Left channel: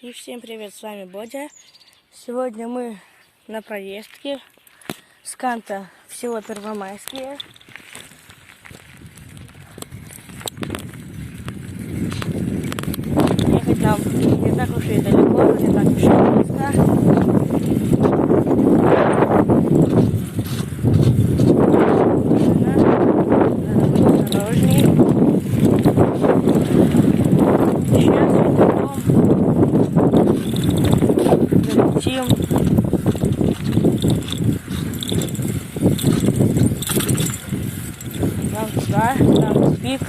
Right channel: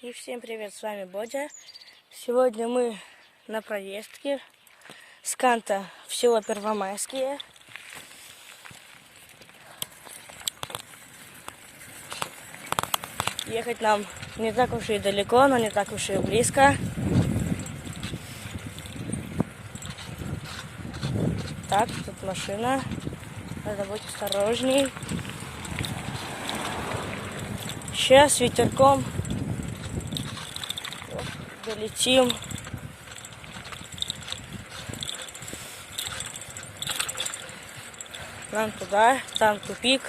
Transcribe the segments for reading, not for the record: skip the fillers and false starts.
И всем привет, с вами Бодя. Сегодня мы на поездке с Канта в село Первомайские. Ехать нам не так уж и далеко, но не так уж и близко. Машина, надо быть осторожней. Сейчас ветерком залетим. Там туда, там тупик.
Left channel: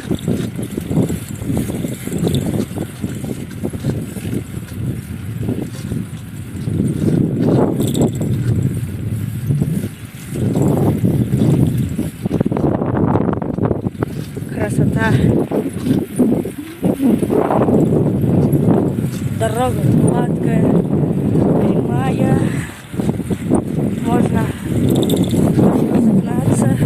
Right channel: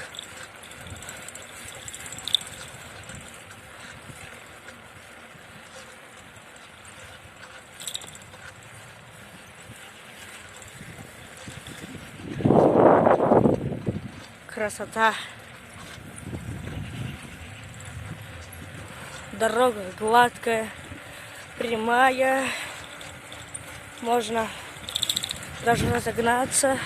Красота. Дорога гладкая, прямая. Можно даже разогнаться.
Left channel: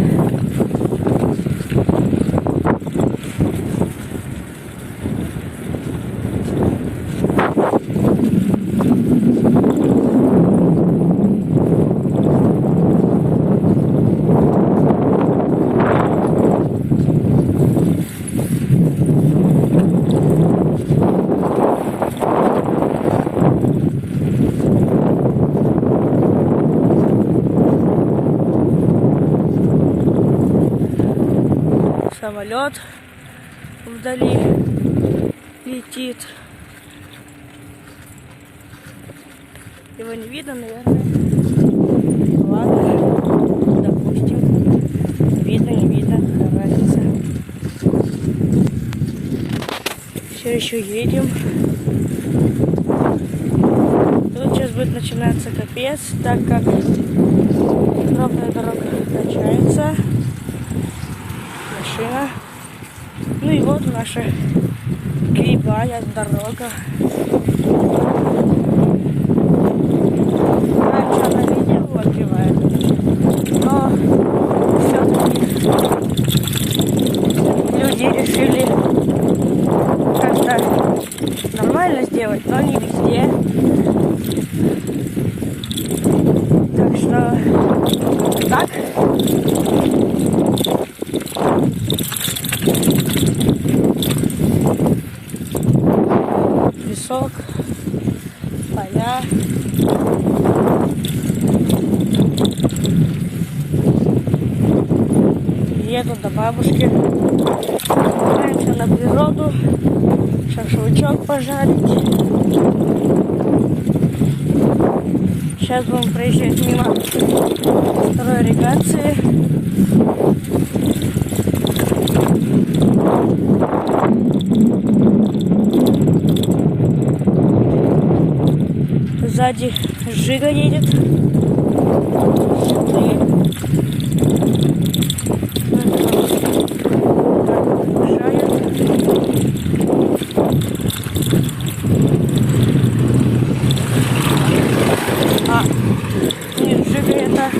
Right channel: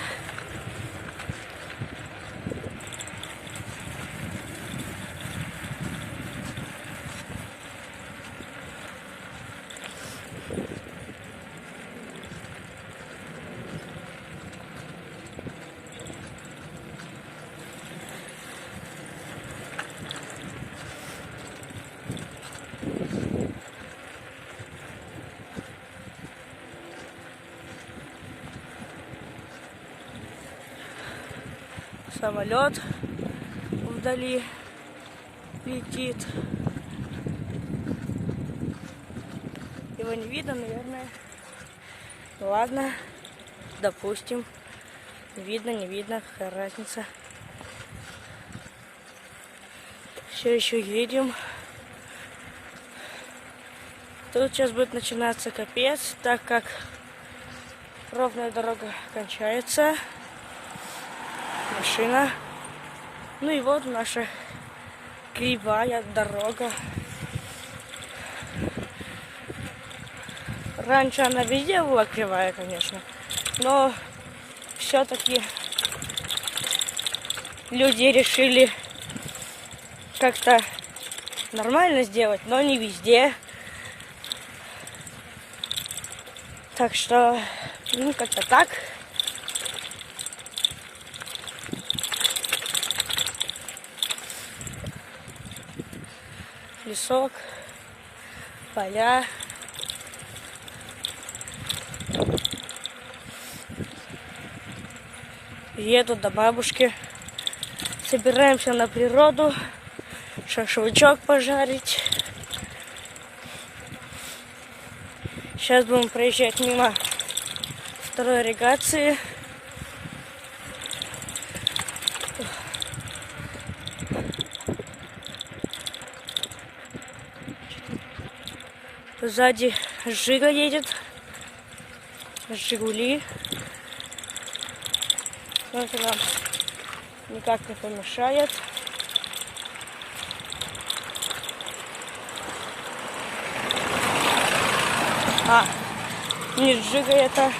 Самолет вдали летит. Его не видно, наверное. Ладно, допустим. Видно, не видно, какая разница. Все еще едем. Тут сейчас будет начинаться капец, так как ровная дорога качается. Машина. Ну и вот наша кривая дорога. Раньше она везде была кривая, конечно, но все-таки люди решили как-то нормально сделать, но не везде. Так что вот так. Песок, поля. Еду до бабушки. Собираемся на природу. Шашлычок пожарить. Сейчас будем проезжать мимо второй ирригации. Сзади Жига едет. Жигули. Он нам так не мешает. Не Жига это.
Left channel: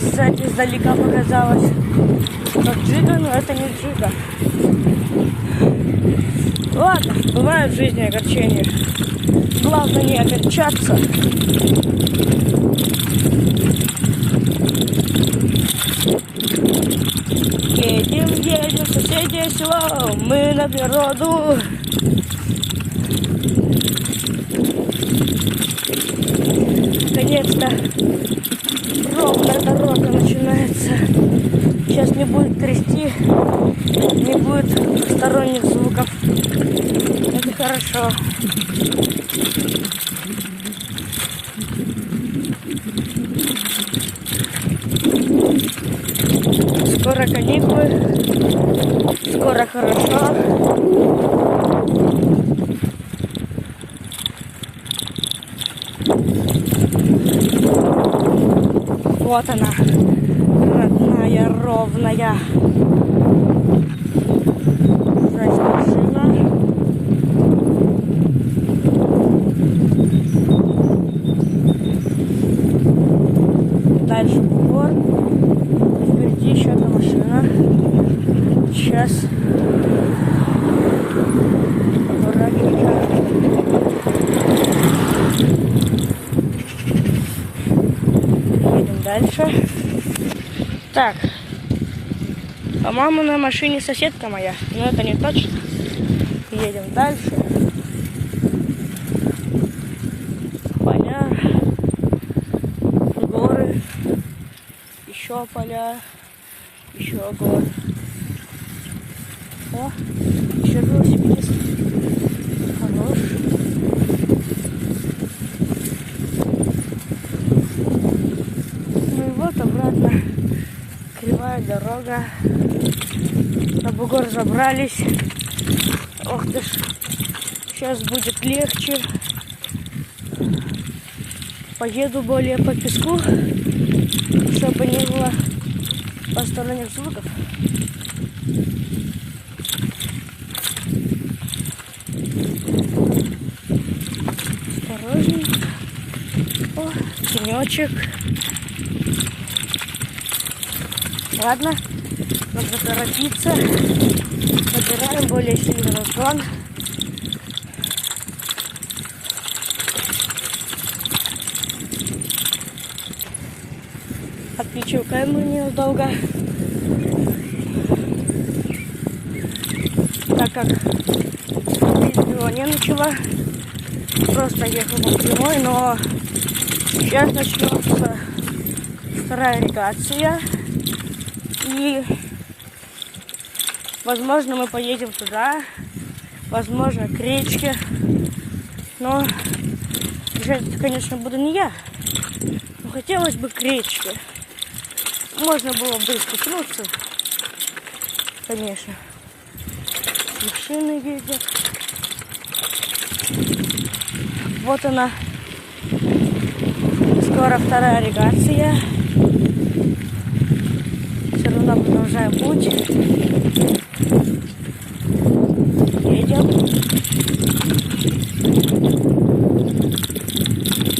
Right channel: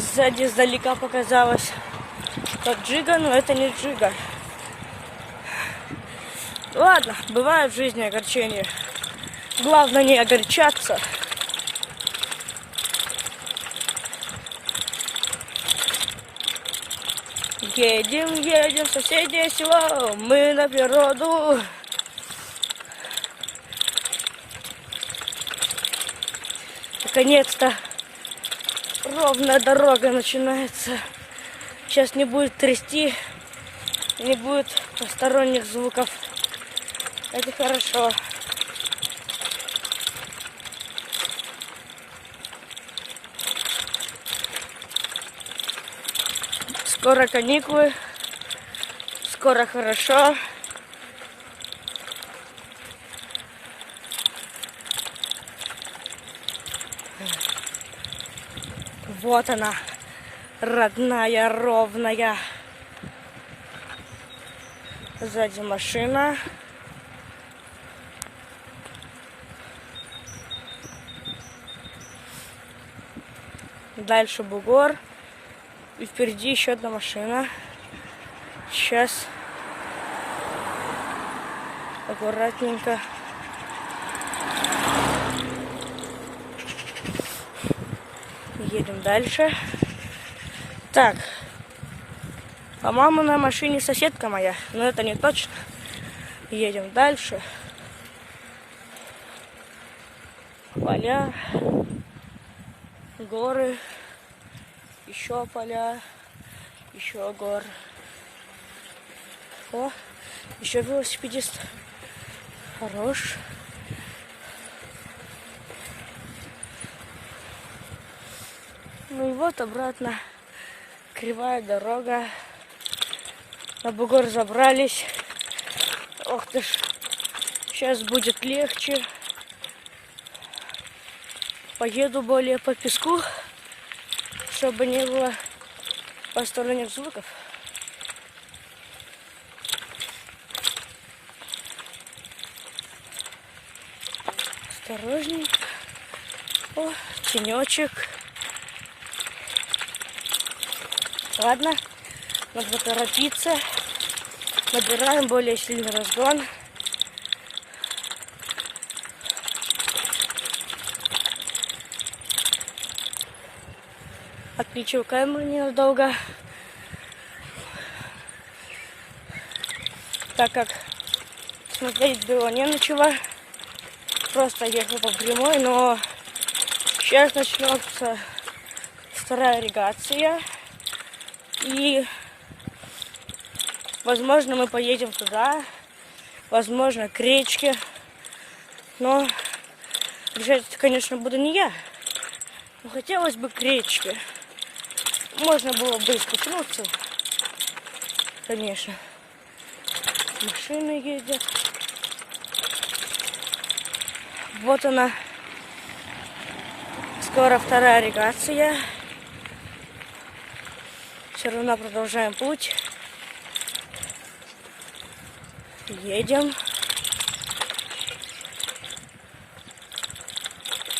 Сзади издалека показалось. Как Жига, но это не Жига. Ладно, бывает в жизни огорчения. Главное не огорчаться. Едем в соседнее село. Мы на природу. Наконец-то ровная дорога начинается. Сейчас не будет трясти, не будет посторонних звуков. Это хорошо. Скоро каникулы, скоро хорошо. Вот она, родная, ровная. Сзади машина. Дальше бугор. Впереди еще одна машина. Сейчас аккуратненько дальше. Так. По-моему, на машине соседка моя. Но это не точно. Едем дальше. Поля. Горы. Еще поля. Еще горы. О, еще велосипедист. Хорош. Ну и вот обратно. Кривая дорога. На бугор забрались. Ох ты ж. Сейчас будет легче. Поеду более по песку, чтобы не было посторонних звуков. Осторожненько. О, тенечек. Ладно, нужно торопиться. Набираем более сильный разгон. Отключил камеру ненадолго, так как здесь было не ничего, просто ехал по прямой, но сейчас начнется вторая ирригация, и возможно мы поедем туда, возможно к речке, но бежать, конечно, буду не я, но хотелось бы к речке. Можно было бы спуститься, конечно. Машины ездят. Вот она. Скоро вторая ирригация. Все равно продолжаем путь. Едем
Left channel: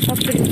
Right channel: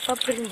по прямой.